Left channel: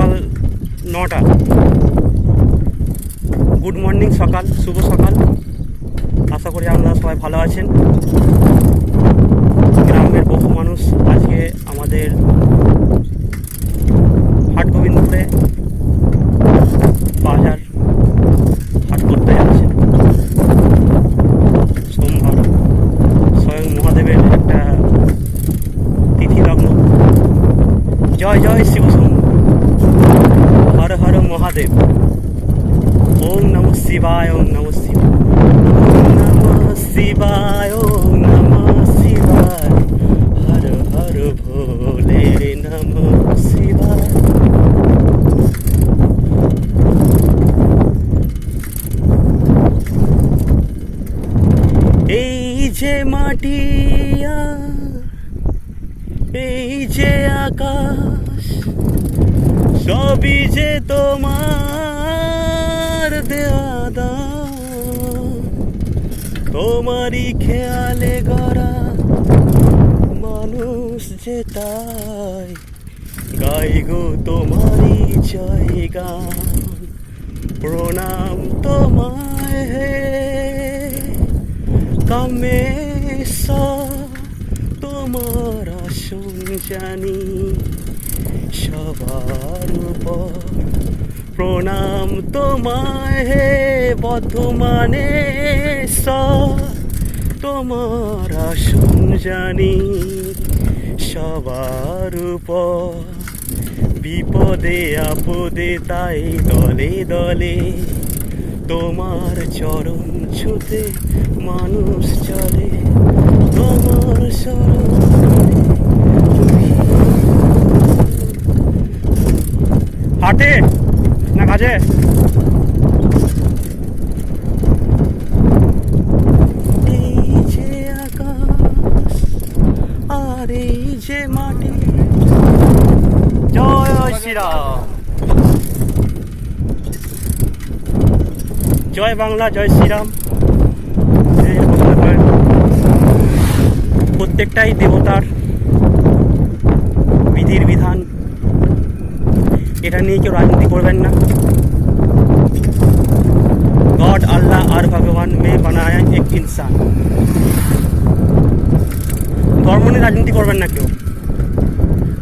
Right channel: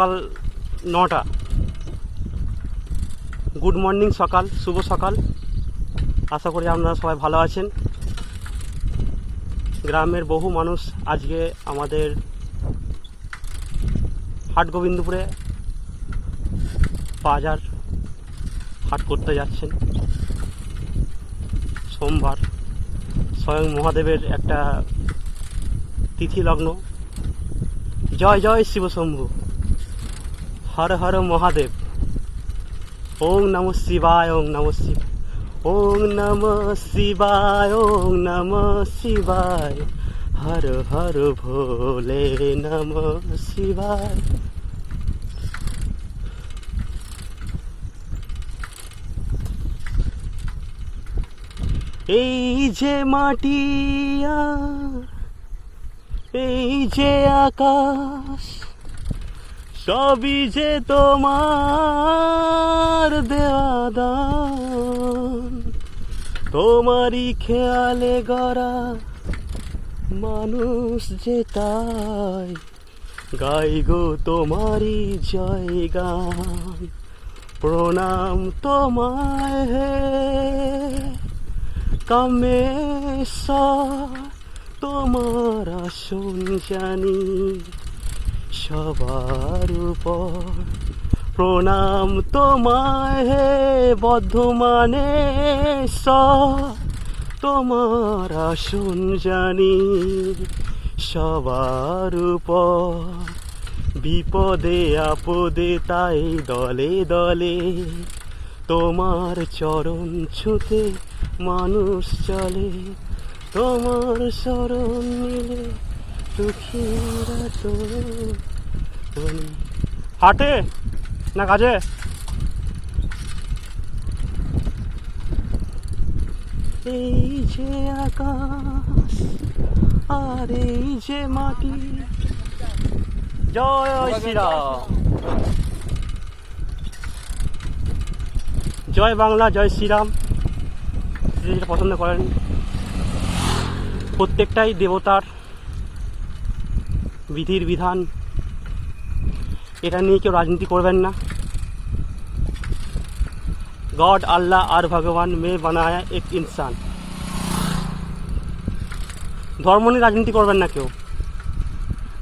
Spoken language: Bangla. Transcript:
সকাল 9টা। গুড মর্নিং, সকাল, শুভ সকাল। আশা করি আপনারা সবাই ভালো আছেন। গ্রামের বহু মানুষ আজকে আমাদের হাটগোবিন্দপুরে বাজার হাট করতে যাচ্ছে। সোমবার স্বয়ং মহাদেবের একটা তিথি লগ্ন। জয় জয় শিব শম্ভু, হর হর মহাদেব। ওম নমঃ শিবায়, ওম নমঃ শিবায়, ওম নমঃ শিবায়, ওম নমঃ শিবায়, হর হর ভোলে নমঃ শিবায়। এই যে মাটি, এই যে আকাশ, সবই যে তোমার দেওয়া দান। তোমারই খেয়ালে গড়া মানুষ যে, তাই গাই গো তোমারই জয় গান। প্রণাম তোমায় হে কামেশ্বর, তোমার আসন জানি সবার উপর। প্রণাম তোমায় হে বর্ধমানেশ্বর, তোমার আসন জানি সবার উপর। বিপদে আপদে তাই দলে দলে তোমার চরণ ছুতে মানুষ চলে। তোমার শরণে হাটে না কাজে? এই যে আকাশ আর এই যে মাটি। জয় শ্রীরাম, জয় বাংলা, জয় শ্রীরাম। যে পছন্দ করেন, প্রত্যেকটাই দেবতার বিধির বিধান। এটা নিয়ে কেউ রাজনীতি করবেন না। गॉड अल्लाह और भगवान में बनाया एक इंसान। ধর্ম নিয়ে রাজনীতি করবেন না কেউ।